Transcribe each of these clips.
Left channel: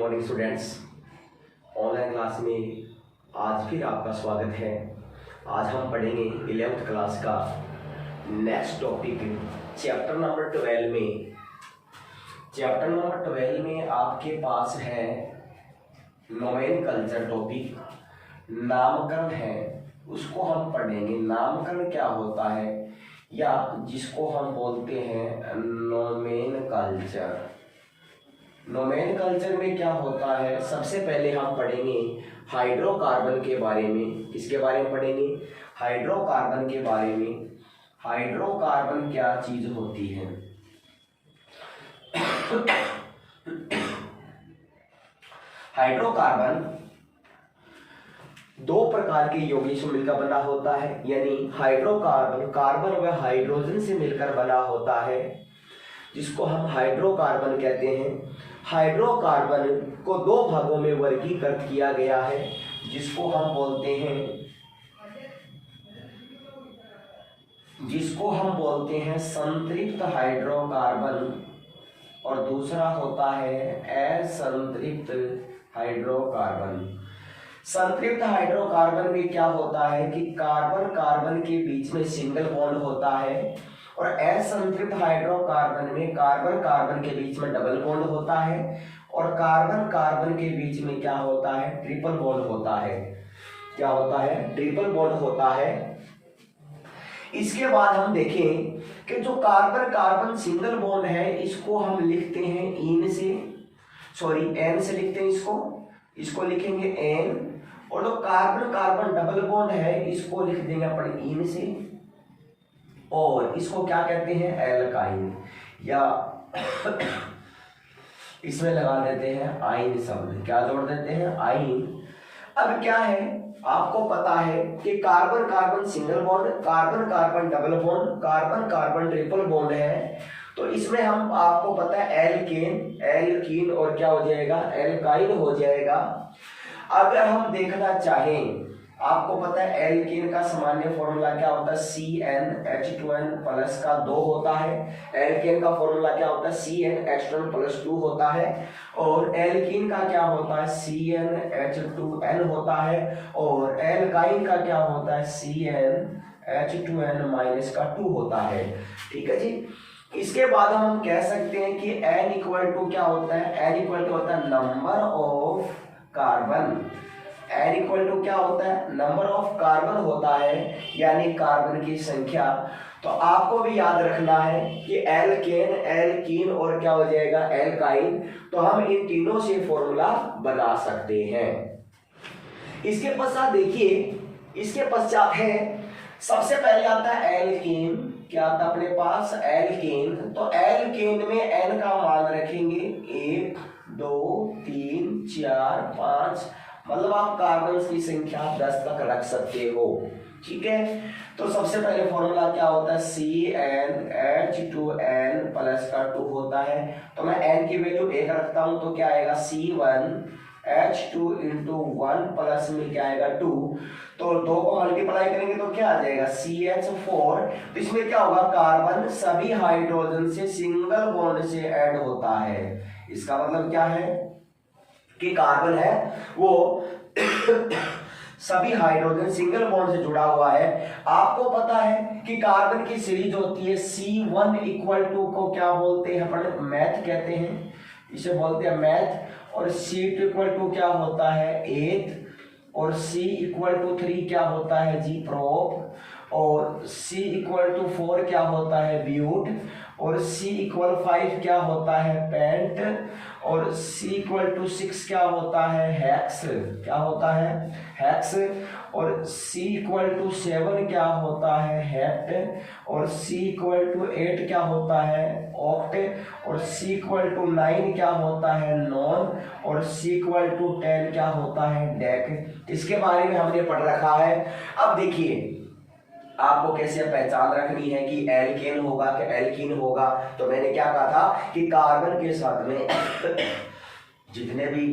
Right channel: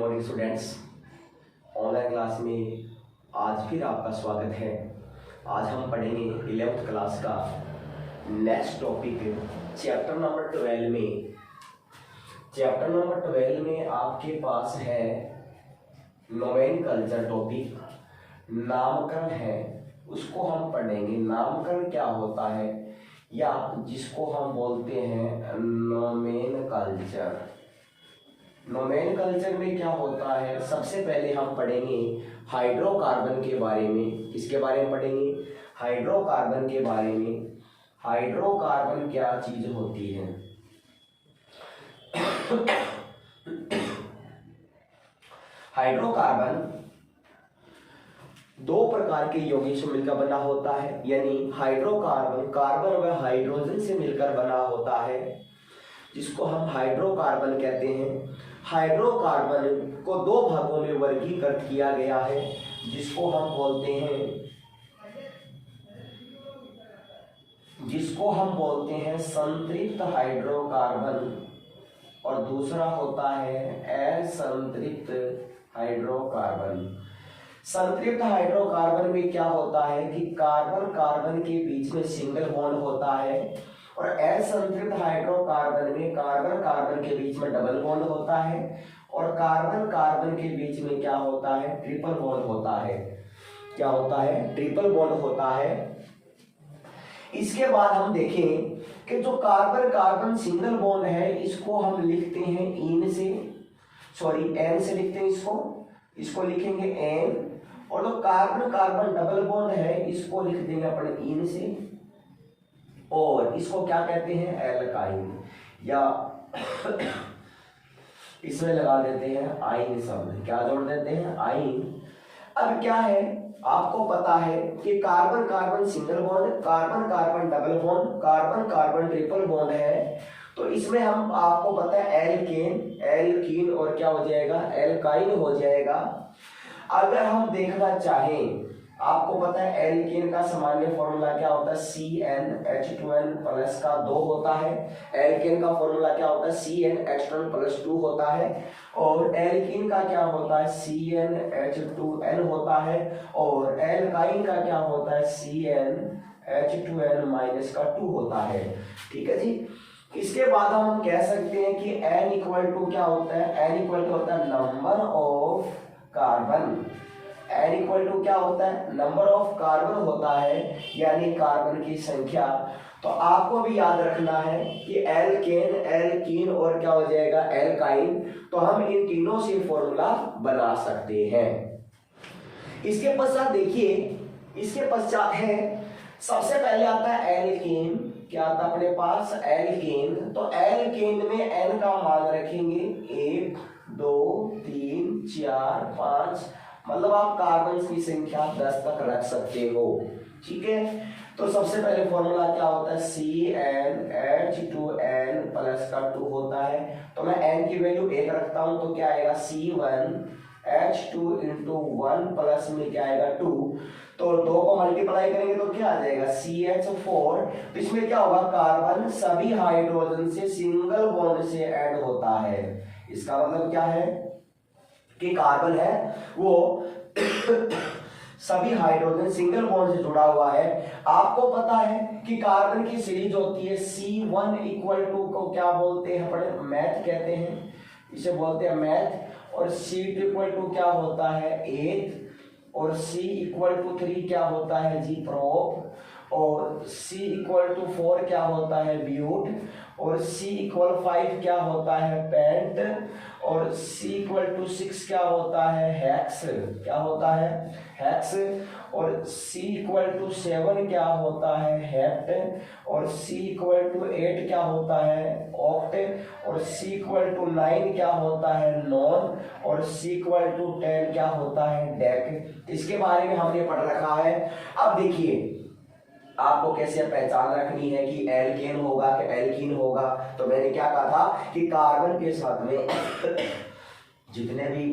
Morning students. Online class में आज फिर आपका स्वागत है। आज हम पढ़ेंगे 11th क्लास का नेक्स्ट टॉपिक चैप्टर नंबर 12 में आपके पास है नोमेनकल्चर टॉपिक, नामकरण है, उसको हम पढ़ेंगे। नामकरण क्या होता है या जिसको हम बोलते हैं नोमेनकल्चर। नोमेनकल्चर में क्या होता है, सबसे पहले हम पढ़ेंगे हाइड्रोकार्बन के बारे में। किसके बारे में पढ़ेंगे? हाइड्रोकार्बन के बारे में। हाइड्रोकार्बन क्या चीज होती है? हाइड्रोकार्बन दो प्रकार के यौगिक से मिलकर बना होता है, यानी हाइड्रोकार्बन कार्बन व हाइड्रोजन से मिलकर बना होता है, जिसको हम हाइड्रोकार्बन कहते हैं। हाइड्रोकार्बन को दो भागों में वर्गीकृत किया गया है, जिसको हम बोलते हैं संतृप्त हाइड्रोकार्बन और दूसरा होता है असंतृप्त हाइड्रोकार्बन। संतृप्त हाइड्रोकार्बन में क्या होता है कि कार्बन कार्बन के बीच में सिंगल बॉन्ड होता है, और असंतृप्त हाइड्रोकार्बन में कार्बन कार्बन के बीच में डबल बॉन्ड होता है, और कार्बन कार्बन के बीच में क्या होता है? ट्रिपल बॉन्ड होता है। क्या होता है? ट्रिपल बॉन्ड होता है। इसके बाद हम देखें कि जो कार्बन कार्बन सिंगल बॉन्ड है, इसको हम लिखते हैं एन से लिखते हैं। इसको लिखेंगे एन, और जो कार्बन कार्बन डबल बॉन्ड है, इसको लिख देंगे अपन इन से, और इसको क्या कहते हैं? एल्काइन, या इसमें लगा देते हैं आइन शब्द। क्या जोड़ देते हैं? आइन। अब क्या है, आपको पता है कि carbon carbon single bond, carbon carbon double bond, carbon carbon triple bond है, तो इसमें हम आपको पता है एल्कीन और क्या हो जाएगा? एल्काइन हो जाएगा। अगर हम देखना चाहें, आपको पता है एल्कीन का सामान्य फॉर्मूला क्या होता है? CnH2n प्लस का 2 होता है। एल्कीन का फॉर्मूला क्या होता है? CnH2n प्लस 2 होता है। और एल्कीन का क्या होता है? CnH2n होता है। और एल्काइन का क्या होता है? CnH2n माइनस का 2 होता है। ठीक है जी। इसके बाद हम कह सकते हैं कि n इक्वल टू क्या होता है? n इक्वल टू होता है number of carbon. n equal to क्या होता है? नंबर ऑफ कार्बन होता है, यानी कार्बन की संख्या। तो आपको भी याद रखना है कि एल्कीन और क्या हो जाएगा? एल्काइन। तो हम इन तीनों से फॉर्मूला बना सकते हैं। इसके पश्चात देखिए, इसके पश्चात है, सबसे पहले आता है एल्कीन। क्या आता है अपने पास? एल्कीन। तो एल्कीन में n का मान रखेंगे 1 2 3 4 5, मतलब आप कार्बन की संख्या 10 तक रख सकते हो। ठीक है। तो सबसे पहले फॉर्मूला क्या होता है? CnH2n प्लस का 2 होता है। तो मैं n की वैल्यू 1 रखता हूं, तो क्या आएगा? C1H2 इंटू 1 प्लस में क्या आएगा? 2। तो 2 को मल्टीप्लाई करेंगे तो क्या आ जाएगा? CH4। तो इसमें क्या होगा? कार्बन सभी हाइड्रोजन से सिंगल बॉन्ड से ऐड होता है। इसका मतलब क्या है कि कार्बन है वो सभी हाइड्रोजन सिंगल बॉन्ड से जुड़ा हुआ है। आपको पता है कि कार्बन की सीरीज होती है C1 इक्वल टू को क्या बोलते हैं? अपने मैथ कहते हैं, इसे बोलते हैं मैथ। और C2 इक्वल टू क्या होता है? 8। और C इक्वल टू 3 क्या होता है जी? प्रोप। और C इक्वल टू 4 क्या होता है? ब्यूट। और C इक्वल 5 क्या होता है? पेंट। और C इक्वल टू 6 क्या होता है? हेक्स। क्या होता है? हेक्स। और C इक्वल टू 7 क्या होता है? हेप्ट। और C इक्वल टू 8 क्या होता है? ऑक्ट। और C इक्वल टू 9 क्या होता है? नॉन। और C इक्वल टू 10 क्या होता है? डेक। इसके बारे में हमने पढ़ रखा है। अब देखिए, आपको कैसे पहचान रखनी है कि एल्केन होगा कि एल्कीन होगा। तो मैंने क्या कहा था कि कार्बन के साथ में जितने भी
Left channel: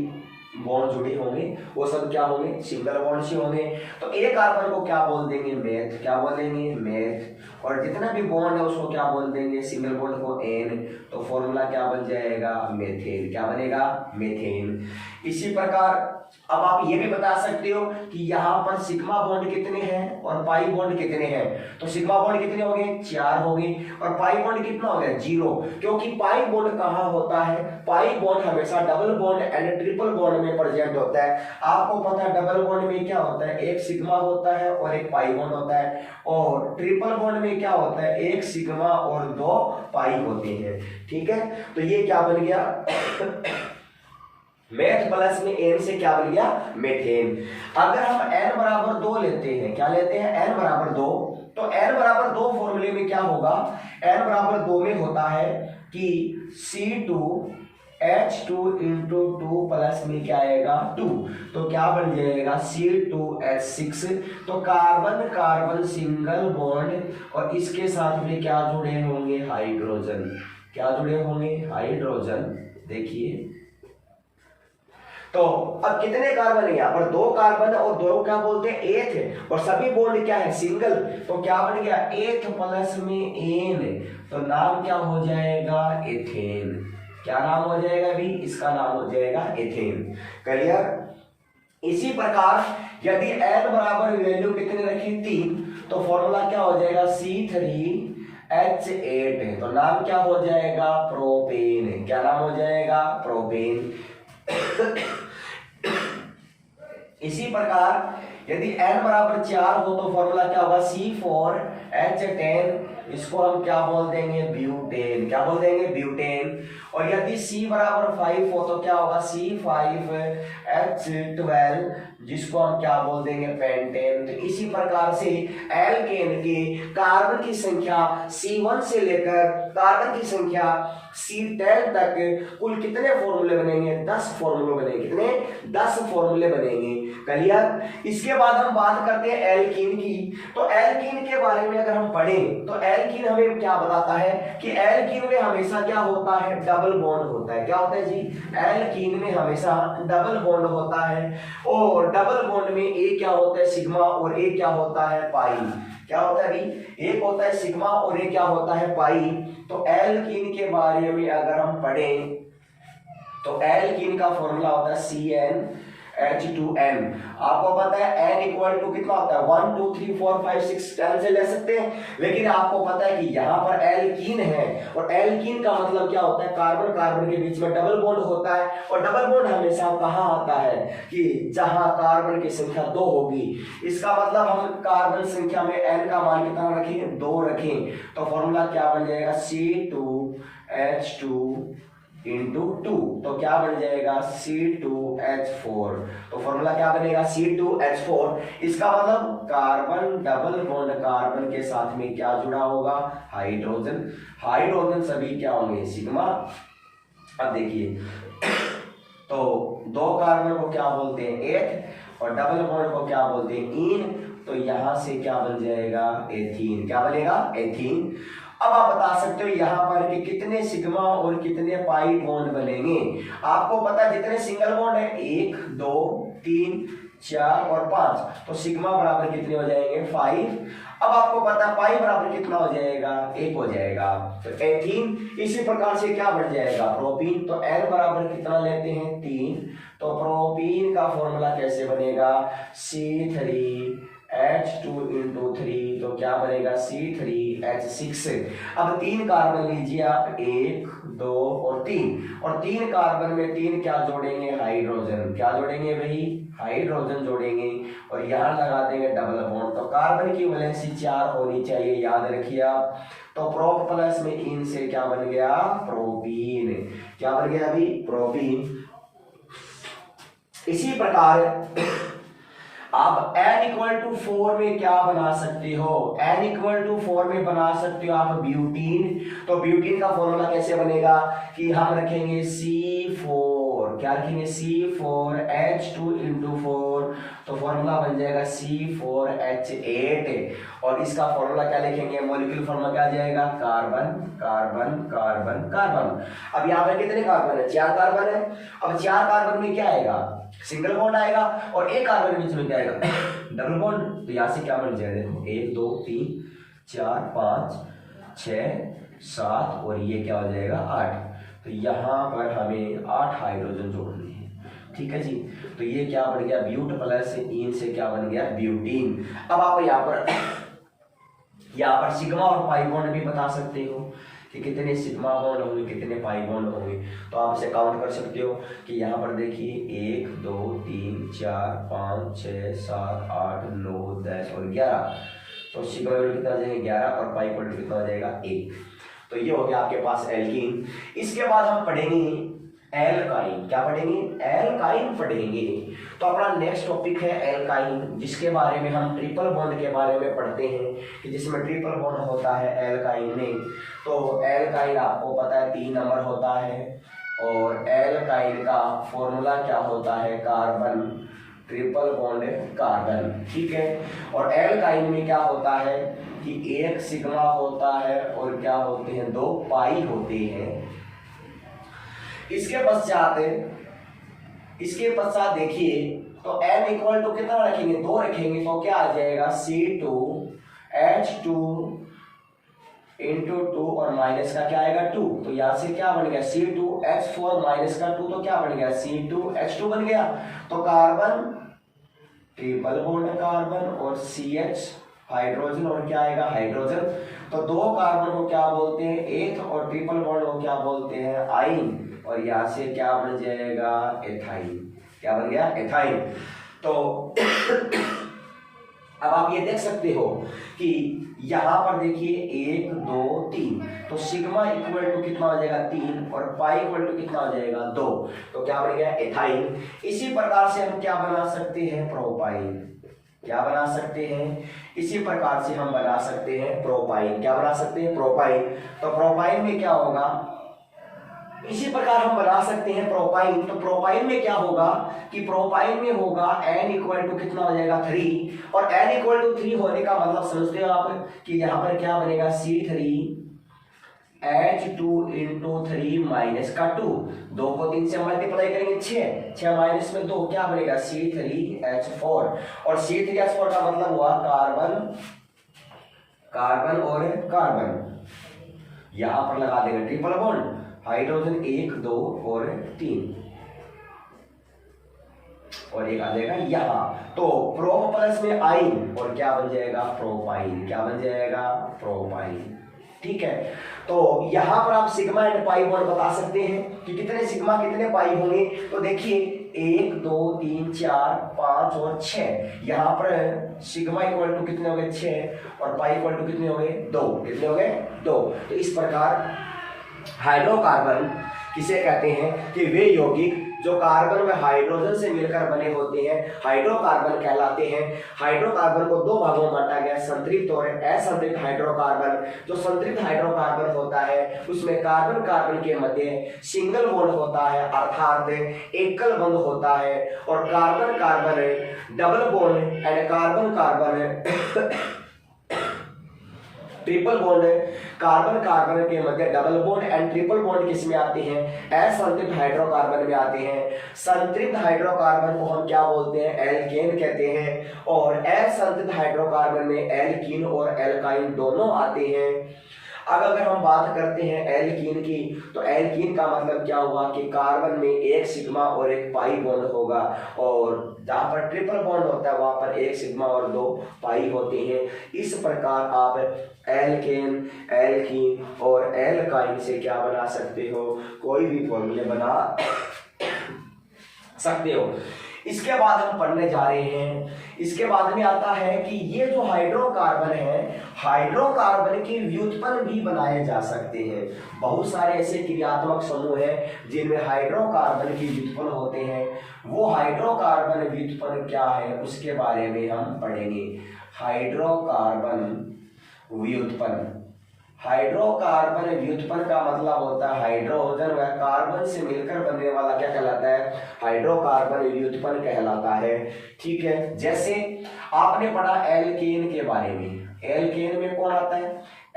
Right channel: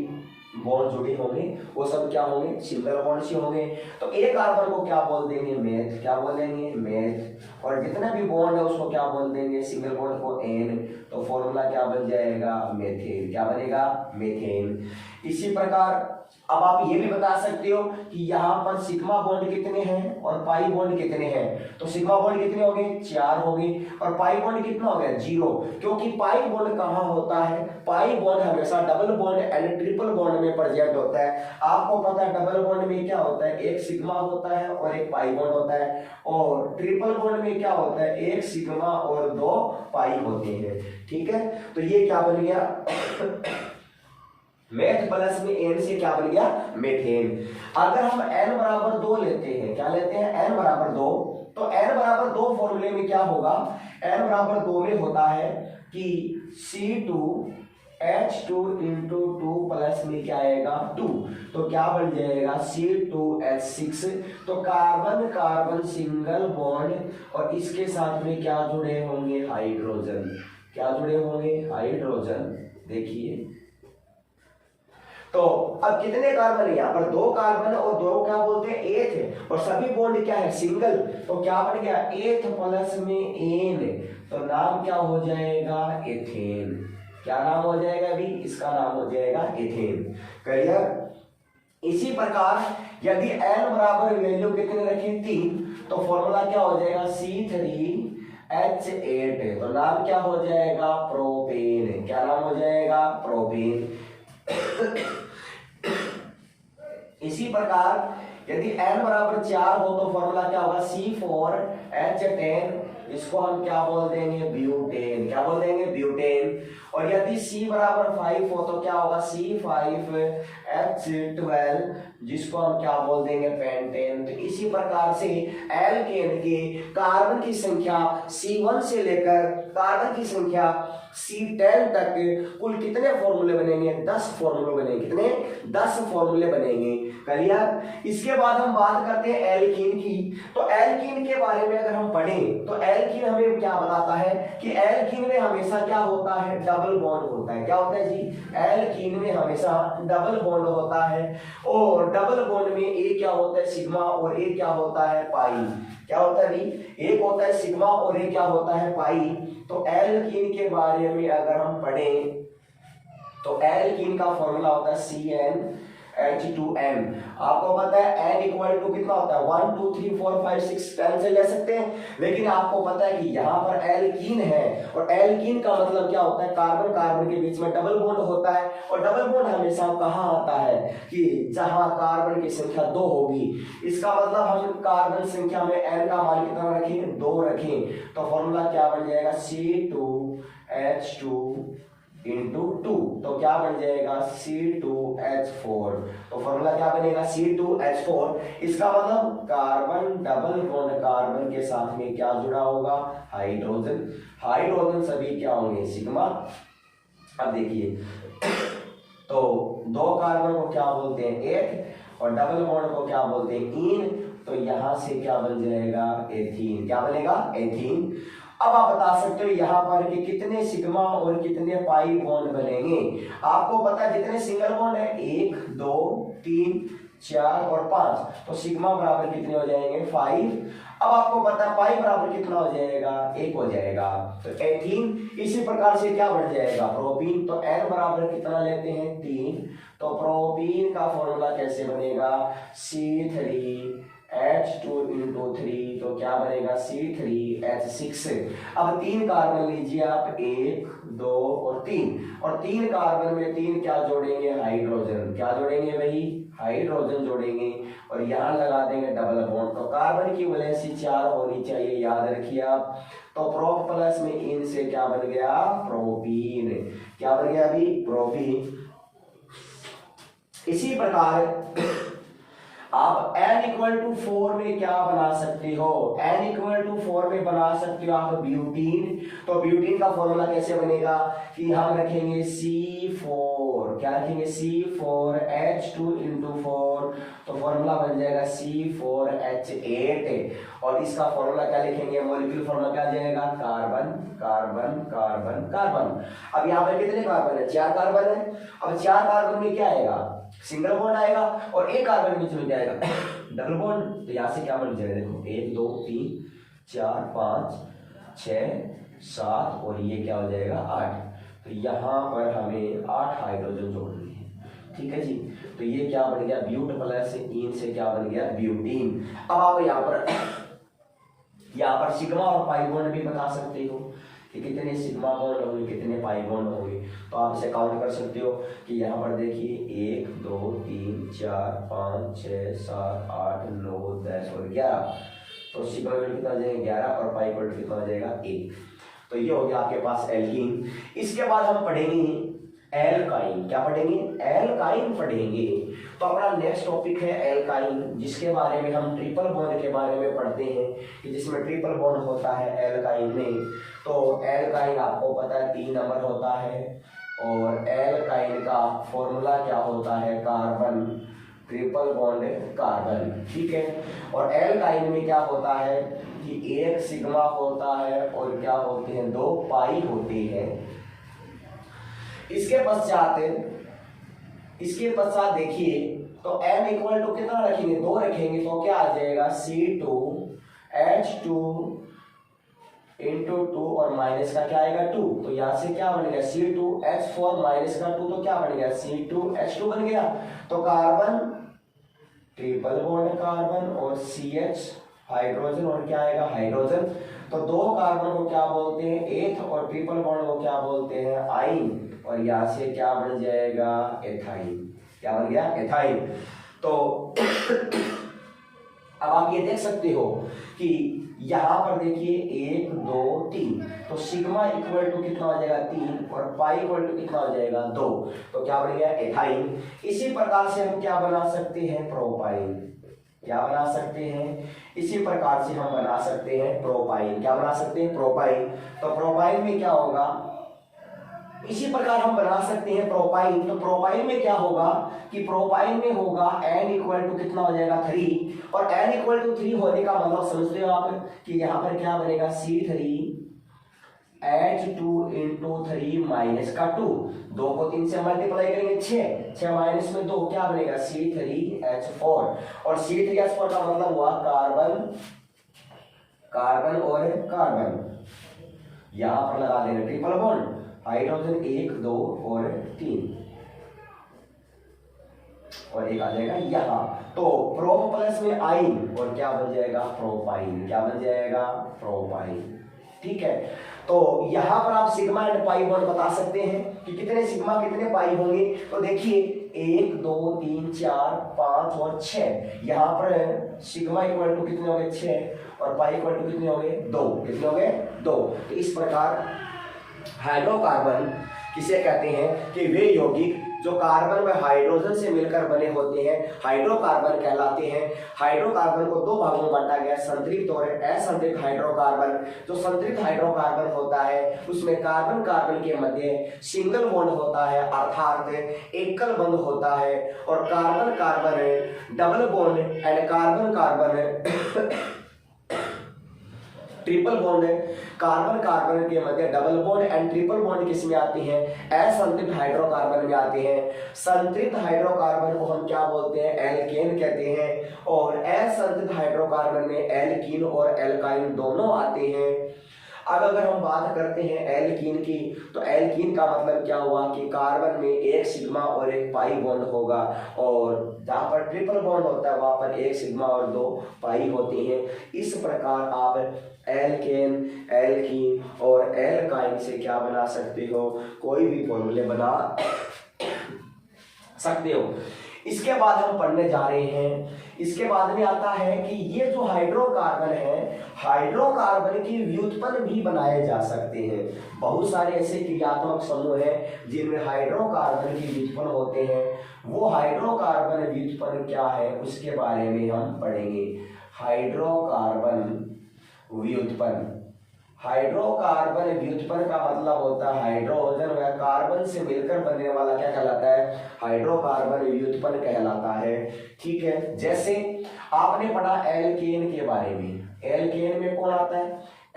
बॉन्ड जुड़े होंगे वो सब क्या होंगे, सिंगल बॉन्ड से होंगे। तो एक कार्बन को क्या बोल देंगे, मेथ, क्या बोल देंगे, मेथ। और जितना भी बॉन्ड है उसको क्या बोल देंगे, सिंगल बॉन्ड को एन। तो फॉर्मूला क्या बन जाएगा, मेथेन। क्या बनेगा, मेथेन। इसी प्रकार अब आप ये भी बता सकते हो कि यहाँ पर सिग्मा बॉन्ड कितने हैं और पाई बॉन्ड कितने हैं। तो सिग्मा बॉन्ड कितने हो गए, 4 हो गए, और पाई बॉन्ड कितना हो गया, 0। क्योंकि पाई बॉन्ड कहाँ होता है, पाई बॉन्ड हमेशा double bond and triple bond में प्रेजेंट होता है। आपको पता है डबल बॉन्ड में क्या होता है, एक सिग्मा होता है और एक पाई बॉन्ड होता है, और ट्रिपल बॉन्ड में क्या होता है, एक सिग्मा और 2 पाई होते हैं। ठीक है, तो ये क्या बन गया मेथ प्लस में एन से क्या बन गया, मेथेन। अगर हम n बराबर 2 लेते हैं, क्या लेते हैं, n बराबर 2, तो n बराबर 2 फॉर्मूले में क्या होगा, n बराबर 2 में होता है कि C2H2 इंटू 2 प्लस में क्या आएगा 2, तो क्या बन जाएगा C2H6। तो कार्बन कार्बन सिंगल बॉन्ड और इसके साथ में क्या जुड़े होंगे, हाइड्रोजन। क्या जुड़े होंगे, हाइड्रोजन। देखिए तो अब कितने कार्बन है, यहाँ पर 2 कार्बन और 2 क्या बोलते हैं, एथ है, और सभी बॉन्ड क्या है, सिंगल। तो क्या बन गया, एथ प्लस में एन, तो नाम क्या हो जाएगा, एथेन। क्या नाम हो जाएगा अभी, इसका नाम हो जाएगा एथेन। क्लियर। इसी प्रकार यदि n बराबर वैल्यू कितने रखें, 3, तो फॉर्मूला क्या हो जाएगा, C3H8 है, तो नाम क्या हो जाएगा, प्रोपेन। क्या नाम हो जाएगा, प्रोपेन। इसी प्रकार यदि n बराबर 4 हो तो फॉर्मूला क्या होगा, C4H10, इसको हम क्या बोल देंगे, ब्यूटेन। क्या बोल देंगे, ब्यूटेन। और यदि C बराबर 5 हो तो क्या होगा, C5H12, जिसको हम क्या बोल देंगे, पेंटेन। तो इसी प्रकार से एल्केन के कार्बन की संख्या C1 से लेकर कार्बन की संख्या C10 तक कुल कितने फॉर्मूले बनेंगे, 10 फॉर्मूले बनेंगे। कितने, 10 फॉर्मूले बनेंगे। क्लियर। इसके बाद हम बात करते हैं एल्कीन की। तो एल्कीन के बारे में अगर हम पढ़ें तो एल्कीन हमें क्या बताता है कि एल्कीन में हमेशा क्या होता है, डबल बॉन्ड होता है। क्या होता है जी, एल्कीन में हमेशा डबल बॉन्ड होता है, और डबल बॉन्ड में एक क्या होता है, सिग्मा, और एक क्या होता है, पाई। क्या होता है अभी, एक होता है सिग्मा और एक क्या होता है, पाई। तो एल्कीन के बारे में अगर हम पढ़ें तो एल्कीन का फॉर्मूला होता है CnH2n। आपको पता है n इक्वल टू कितना होता है, 1 2 3 4 5 6 10 से ले सकते हैं, लेकिन आपको पता है कि यहाँ पर एल्कीन है, और एल्कीन का मतलब क्या होता है, कार्बन कार्बन के बीच में डबल बॉन्ड होता है, और डबल बॉन्ड हमेशा कहाँ आता है कि जहां कार्बन की संख्या 2 होगी। इसका मतलब हम कार्बन संख्या में n का मान कितना रखेंगे, 2 रखें। तो फॉर्मूला क्या बन जाएगा, C2H2 इंटू 2, तो क्या बन जाएगा, C2H4। तो फॉर्मूला क्या बनेगा, C2H4। इसका मतलब कार्बन डबल बॉन्ड कार्बन के साथ में क्या जुड़ा होगा, हाइड्रोजन। हाइड्रोजन सभी क्या होंगे, सिग्मा। अब देखिए तो 2 कार्बन को क्या बोलते हैं, एथ, और डबल बॉन्ड को क्या बोलते हैं, इन। तो यहां से क्या बन जाएगा, एथीन। क्या बनेगा, एथीन। अब आप बता सकते हो यहाँ पर कि कितने सिग्मा और कितने पाई बॉन्ड बनेंगे। आपको पता है जितने सिंगल बॉन्ड है, 1 2 3 4 और 5, तो सिग्मा बराबर कितने हो जाएंगे, 5। अब आपको पता है पाई बराबर कितना हो जाएगा, 1 हो जाएगा, तो 18। इसी प्रकार से क्या बढ़ जाएगा, प्रोपीन। तो n बराबर कितना लेते हैं, 3। तो प्रोपीन का फॉर्मूला कैसे बनेगा, C3H2 इंटू 3, तो क्या बनेगा, C3H6। अब 3 कार्बन लीजिए आप, 1 2 और 3, और 3 कार्बन में 3 क्या जोड़ेंगे, हाइड्रोजन। क्या जोड़ेंगे भाई, हाइड्रोजन जोड़ेंगे, और यहाँ लगा देंगे डबल बॉन्ड। तो कार्बन की वैलेंसी 4 होनी चाहिए, याद रखिए आप। तो प्रोप प्लस में इन से क्या बन गया, प्रोपीन। क्या बन गया अभी, प्रोपीन। इसी प्रकार आप n इक्वल टू 4 में क्या बना सकते हो, n इक्वल टू 4 में बना सकते हो आप ब्यूटीन। तो ब्यूटीन का फॉर्मूला कैसे बनेगा कि हम रखेंगे C4, क्या रखेंगे, C4H2 इंटू 4, तो फॉर्मूला बन जाएगा C4H8, और इसका फॉर्मूला क्या लिखेंगे, मॉलिक्यूलर फॉर्मूला क्या आ जाएगा, कार्बन कार्बन कार्बन कार्बन। अब यहाँ पर कितने कार्बन है, 4 कार्बन है। अब 4 कार्बन में क्या आएगा, सिंगल बॉन्ड आएगा और एक कार्बन बीच में जाएगा डबल बॉन्ड। तो यहाँ से क्या बन जाएगा, देखो 1 2 3 4 5 6 7 और ये क्या हो जाएगा 8। तो यहाँ पर हमें 8 हाइड्रोजन जोड़ने हैं, ठीक है जी। तो ये क्या बन गया, ब्यूट प्लस इन से क्या बन गया, ब्यूटीन। अब आप यहाँ पर सिग्मा और पाई बॉन्ड भी बता सकते हो कि कितने सिग्मा बॉन्ड होंगे, कितने पाई बॉन्ड होंगे। तो आप इसे काउंट कर सकते हो कि यहाँ पर देखिए 1 2 3 4 5 6 7 8 9 10 और 11। तो सिग्मा बॉन्ड कितना हो जाएगा 11 और पाई बॉन्ड कितना हो जाएगा 1। तो ये हो गया आपके पास एल्कीन। इसके बाद हम पढ़ेंगे एल्काइन। क्या पढ़ेंगे, एल्काइन पढ़ेंगे। तो अपना नेक्स्ट टॉपिक है एल्काइन, जिसके बारे में हम ट्रिपल बॉन्ड के बारे में पढ़ते हैं कि जिसमें ट्रिपल बॉन्ड होता है एल्काइन में। तो एल्काइन आपको पता है 3 नंबर होता है और एल्काइन का फॉर्मूला क्या होता है, कार्बन ट्रिपल बॉन्ड कार्बन, ठीक है। और एल्काइन में क्या होता है कि 1 सिग्मा होता है और क्या होते हैं 2 पाई होते हैं। इसके पश्चात देखिए तो m इक्वल टू कितना रखेंगे, 2 रखेंगे। तो क्या आ जाएगा C2H2 इंटू 2 और माइनस का क्या आएगा 2। तो यहाँ से क्या बन गया C2H4 माइनस का 2, तो क्या बन गया C2H2 बन गया। तो कार्बन ट्रिपल बॉन्ड कार्बन और CH हाइड्रोजन और क्या आएगा हाइड्रोजन। तो 2 कार्बन को क्या बोलते हैं एथ और ट्रिपल बॉन्ड को क्या बोलते हैं आइन। और यहाँ से क्या बन जाएगा एथाइन। क्या बन गया एथाइन। तो अब आप ये देख सकते हो कि यहाँ पर देखिए 1 2 3। तो सिग्मा इक्वल टू कितना हो जाएगा 3 और पाई इक्वल टू कितना हो जाएगा 2। तो क्या बन गया एथाइन। इसी प्रकार से हम क्या बना सकते हैं प्रोपाइन। क्या बना सकते हैं, इसी प्रकार से हम बना सकते हैं प्रोपाइन। क्या बना सकते हैं प्रोपाइन। तो प्रोपाइन में क्या होगा, इसी प्रकार हम बना सकते हैं प्रोपाइन। तो प्रोपाइन में क्या होगा कि प्रोपाइन में होगा n इक्वल टू कितना हो जाएगा 3 और n इक्वल टू 3 होने का मतलब समझते हो आप कि यहाँ पर क्या बनेगा C3H2 इंटू 3 माइनस का 2। 2 को 3 से मल्टीप्लाई करेंगे 6 माइनस में 2 क्या बनेगा C3H4 और C3H4 का मतलब हुआ कार्बन और कार्बन। यहां पर लगा देंगे ट्रिपल बॉन्ड, हाइड्रोजन 1 2 और 3 और एक आ जाएगा यहाँ। तो प्रोप प्लस में आइन और क्या बन जाएगा प्रोपाइन। क्या बन जाएगा प्रोपाइन, ठीक है। तो यहां पर आप सिग्मा एंड पाई बॉन्ड बता सकते हैं कि कितने सिग्मा कितने पाई होंगे। तो देखिए 1 2 3 4 5 और 6। यहाँ पर सिग्मा इक्वल टू कितने हो गए 6 और पाई इक्वल टू कितने हो गए 2। कितने हो गए 2। तो इस प्रकार हाइड्रोकार्बन किसे कहते हैं कि वे यौगिक जो कार्बन व हाइड्रोजन से मिलकर बने होते हैं हाइड्रोकार्बन कहलाते हैं। हाइड्रोकार्बन को 2 भागों में बांटा गया, संतृप्त और असंतृप्त हाइड्रोकार्बन। जो संतृप्त हाइड्रोकार्बन होता है उसमें कार्बन कार्बन के मध्य सिंगल बॉन्ड होता है अर्थात एकल बंध होता है और carbon carbon double bond and carbon carbon triple bond. Carbon carbon के मध्य double bond and triple bond किस में आते हैं असंतृप्त हाइड्रोकार्बन में आते हैं। संतृप्त हाइड्रोकार्बन को हम क्या बोलते हैं एल्केन कहते हैं और असंतृप्त हाइड्रोकार्बन में एल्कीन और एल्काइन दोनों आते हैं। अब अगर हम बात करते हैं एल्कीन की तो एल्कीन का मतलब क्या हुआ कि कार्बन में 1 सिग्मा और 1 पाई बॉन्ड होगा और जहां पर ट्रिपल बॉन्ड होता है वहां पर 1 सिग्मा और 2 पाई होते हैं। इस प्रकार आप एल्केन एल्कीन और एल्काइन से क्या बना सकते हो कोई भी फॉर्मूले बना सकते हो। इसके बाद हम पढ़ने जा रहे हैं, इसके बाद में आता है कि ये जो हाइड्रोकार्बन है हाइड्रोकार्बन की व्युत्पन्न भी बनाए जा सकते हैं। बहुत सारे ऐसे क्रियात्मक समूह हैं जिनमें हाइड्रोकार्बन की व्युत्पन्न होते हैं। वो हाइड्रोकार्बन व्युत्पन्न क्या है उसके बारे में हम पढ़ेंगे। हाइड्रोकार्बन व्युत्पन्न, हाइड्रोकार्बन व्युत्पन्न का मतलब होता है हाइड्रोजन व कार्बन से मिलकर बनने वाला क्या कहलाता है हाइड्रोकार्बन व्युत्पन्न कहलाता है, ठीक है। जैसे आपने पढ़ा एल्केन के बारे में, एल्केन में कौन आता है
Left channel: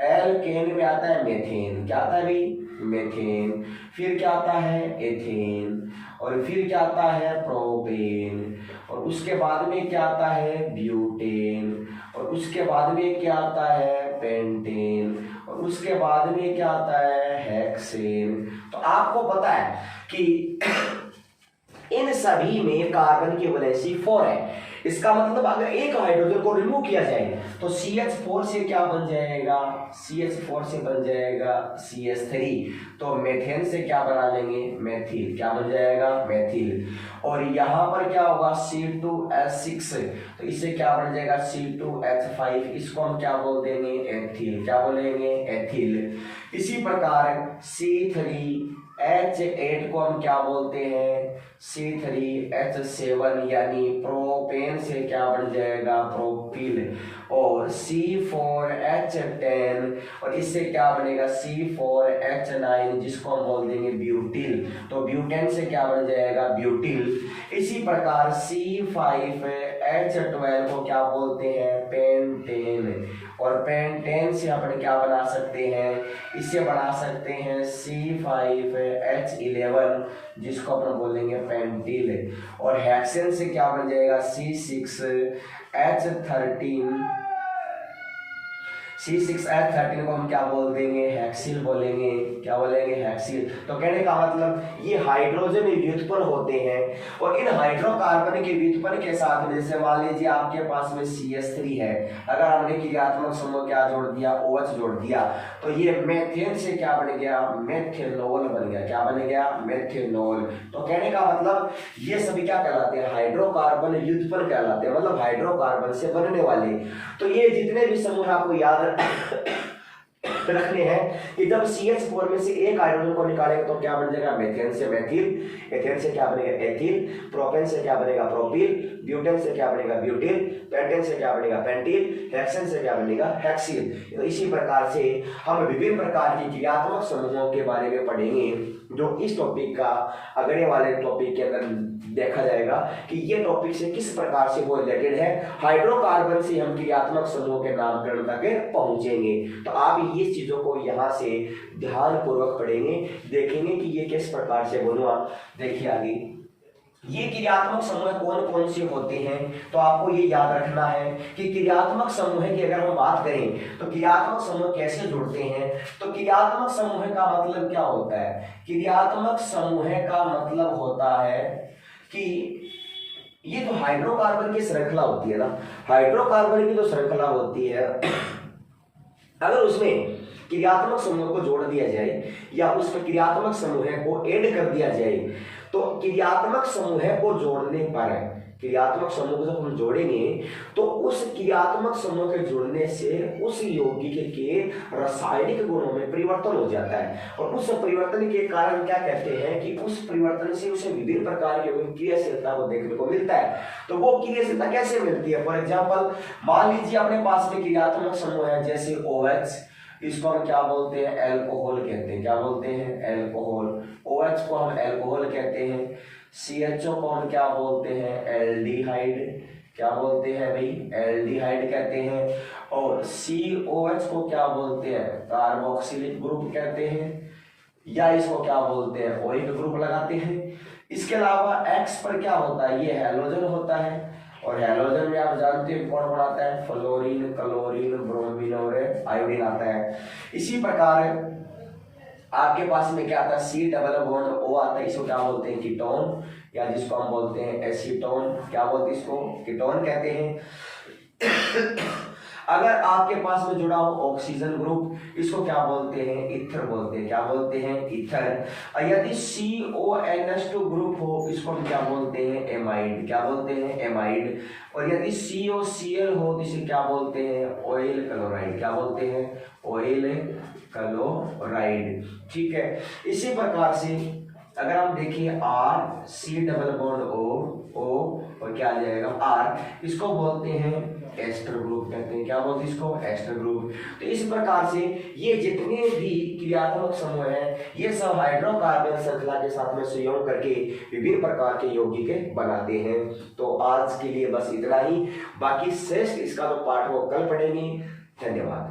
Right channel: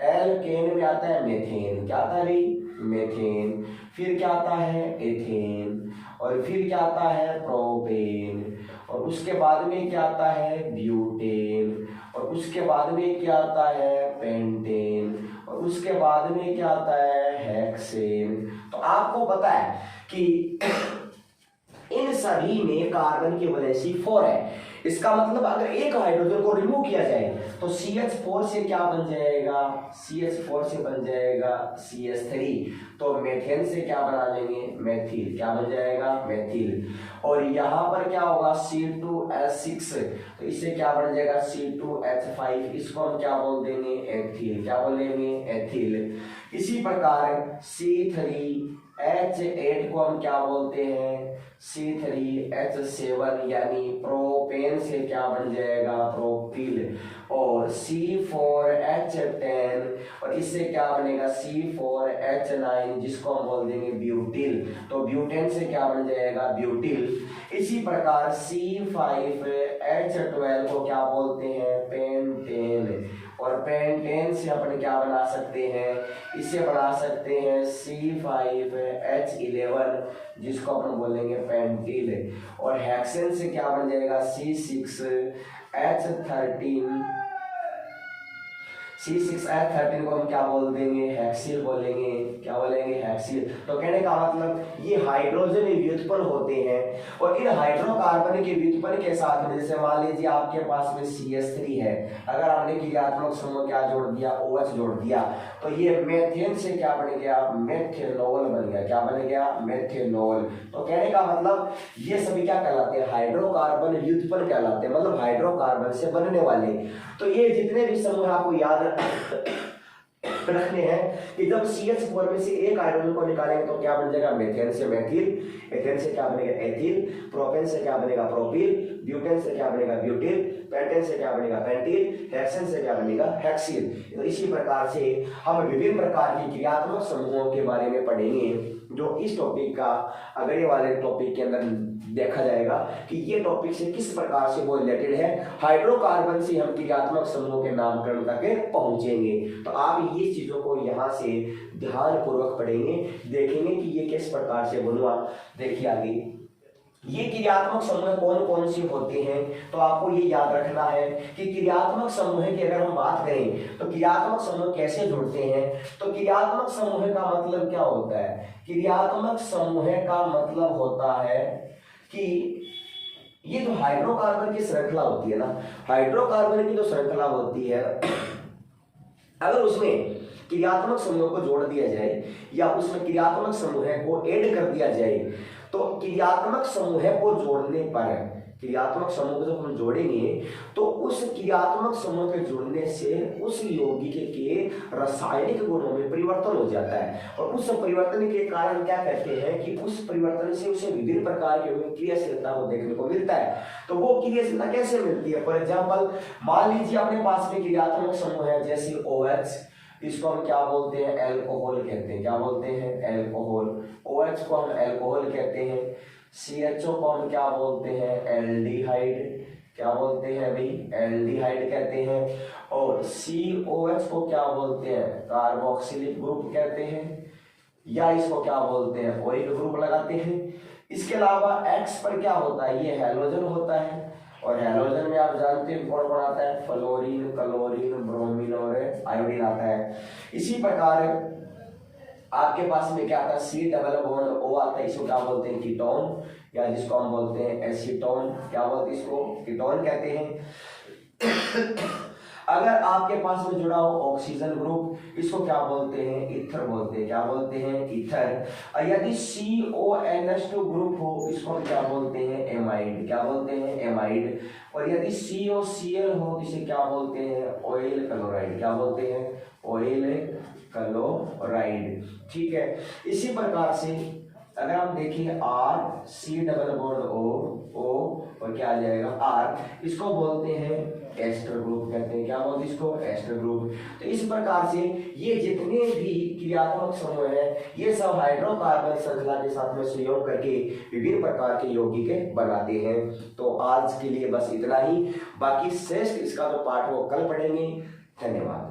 एल्केन में आता है मेथेन। क्या आता है भाई मेथेन। फिर क्या आता है एथेन और फिर क्या आता है प्रोपेन, और उसके बाद में क्या आता है ब्यूटेन, और उसके बाद में क्या आता है पेंटेन, और उसके बाद में क्या आता है हेक्सेन। तो आपको पता है कि इन सभी में कार्बन की वैलेंसी 4 है। इसका मतलब अगर एक हाइड्रोजन को रिमूव किया जाए तो CH4 से क्या बन जाएगा, CH4 से बन जाएगा CH3, तो मेथेन से क्या बना लेंगे मेथिल, क्या बन जाएगा मेथिल, और यहाँ पर क्या होगा C2H6, तो इससे क्या बन जाएगा C2H5, इसको हम क्या बोल देंगे एथिल, क्या बोलेंगे एथिल। इसी प्रकार C3H8 को हम क्या बोलते हैं C3H7 यानी प्रोपेन से क्या बन जाएगा प्रोपिल, और C4H10 और इससे क्या बनेगा C4H9 जिसको हम बोल देंगे ब्यूटिल, तो ब्यूटेन से क्या बन जाएगा ब्यूटिल। इसी प्रकार C5H12 को क्या बोलते हैं पेंटेन, और पेंटेन से अपन क्या बना सकते हैं, इसे बना सकते हैं C5H11 जिसको अपन बोलेंगे पेंटिल, और हेक्सेन से क्या बन जाएगा C6H13 को हम क्या बोल देंगे हेक्सिल बोलेंगे, क्या बोलेंगे हेक्सिल। तो कहने का मतलब ये हाइड्रोजन व्युत्पन्न होते हैं, और इन हाइड्रोकार्बन के व्युत्पन्न के साथ में जैसे मान लीजिए आपके पास में CH3 है, अगर हमने क्रियात्मक समूह क्या जोड़ दिया OH जोड़ दिया, तो ये मेथेन से क्या बन गया मेथेनॉल बन गया, क्या बन गया मेथेनॉल। तो कहने का मतलब ये सभी क्या कहलाते हैं हाइड्रोकार्बन व्युत्पन्न कहलाते हैं, मतलब हाइड्रोकार्बन से बनने वाले। तो ये जितने भी समूह आपको याद रखने हैं कि जब CH4 में से एक हाइड्रोजन को निकालेंगे तो क्या बन जाएगा मेथेन से मेथिल, एथेन से क्या बनेगा एथिल, प्रोपेन से क्या बनेगा प्रोपिल, ब्यूटेन से क्या बनेगा ब्यूटिल, पेंटेन से क्या बनेगा पेंटिल, हेक्सेन से क्या बनेगा हेक्सिल। तो इसी प्रकार से हम विभिन्न प्रकार की क्रियात्मक समूहों के बारे में पढ़ेंगे, जो इस टॉपिक का अगले वाले टॉपिक के अंदर देखा जाएगा कि ये टॉपिक से किस प्रकार से वो रिलेटेड है। हाइड्रोकार्बन से हम क्रियात्मक समूह के नामकरण तक पहुंचेंगे। तो आप ये चीजों को यहाँ से ध्यान पूर्वक पढ़ेंगे, देखेंगे कि ये किस प्रकार से बनुआ। देखिए आगे ये क्रियात्मक समूह कौन कौन से होते हैं, तो आपको ये याद रखना है कि क्रियात्मक समूह की अगर हम बात करें तो क्रियात्मक समूह कैसे जुड़ते हैं। तो क्रियात्मक समूह का मतलब क्या होता है, क्रियात्मक समूह का मतलब होता है कि ये तो हाइड्रोकार्बन की श्रृंखला होती है ना, हाइड्रोकार्बन की जो श्रृंखला होती है अगर उसमें क्रियात्मक समूह को जोड़ दिया जाए या उसमें क्रियात्मक समूह को ऐड कर दिया जाए, तो क्रियात्मक समूह को जोड़ने पर, क्रियात्मक समूह को जब हम जोड़ेंगे तो उस क्रियात्मक समूह के जुड़ने से उस यौगिक के रासायनिक गुणों में परिवर्तन हो जाता है, और उस परिवर्तन के कारण क्या कहते हैं कि उस परिवर्तन से उसे विभिन्न प्रकार की क्रियाशीलता को देखने को मिलता है। तो वो क्रियाशीलता कैसे मिलती है, फॉर एग्जाम्पल मान लीजिए अपने पास में क्रियात्मक समूह है जैसे OH, इसको हम क्या बोलते हैं एल्कोहल कहते हैं, क्या बोलते हैं एल्कोहल, OH को हम एल्कोहल कहते हैं, CHO को हम क्या बोलते हैं एल्डिहाइड, क्या बोलते हैं भाई एल्डिहाइड कहते हैं, और COH को क्या बोलते हैं कार्बोक्सिलिक ग्रुप कहते हैं, या इसको क्या बोलते हैं ओइक ग्रुप लगाते हैं। इसके अलावा X पर क्या होता है, ये हैलोजन होता है, और हैलोजन में आप जानते हैं कौन कौन आता है फ्लोरीन, क्लोरीन, ब्रोमीन और आयोडीन आता है। इसी प्रकार आपके पास में क्या आता है C+O आता है, इसको क्या बोलते हैं कीटोन, या जिसको हम बोलते हैं एसीटोन, क्या बोलते हैं इसको कीटोन कहते हैं। अगर आपके पास में जुड़ा हो ऑक्सीजन ग्रुप, इसको क्या बोलते हैं ईथर बोलते हैं, क्या बोलते हैं ईथर। यदि CONH2 ग्रुप हो इसको हम क्या बोलते हैं एमाइड, क्या बोलते हैं एमाइड। और यदि COCl हो तो इसे क्या बोलते हैं ऑयल क्लोराइड, क्या बोलते हैं ऑयल क्लोराइड। ठीक है, इसी प्रकार से अगर हम देखें R, C+O और क्या आ जाएगा R, इसको बोलते हैं एस्टर ग्रुप कहते हैं, क्या बोलते हैं इसको एस्टर ग्रुप। तो इस प्रकार से ये जितने भी क्रियात्मक समूह है ये सब हाइड्रोकार्बन श्रृंखला के साथ में संयोग करके विभिन्न प्रकार के यौगिक बनाते हैं। तो आज के लिए बस इतना ही, बाकी श्रेष्ठ इसका जो पाठ वो कल पढ़ेंगे। धन्यवाद।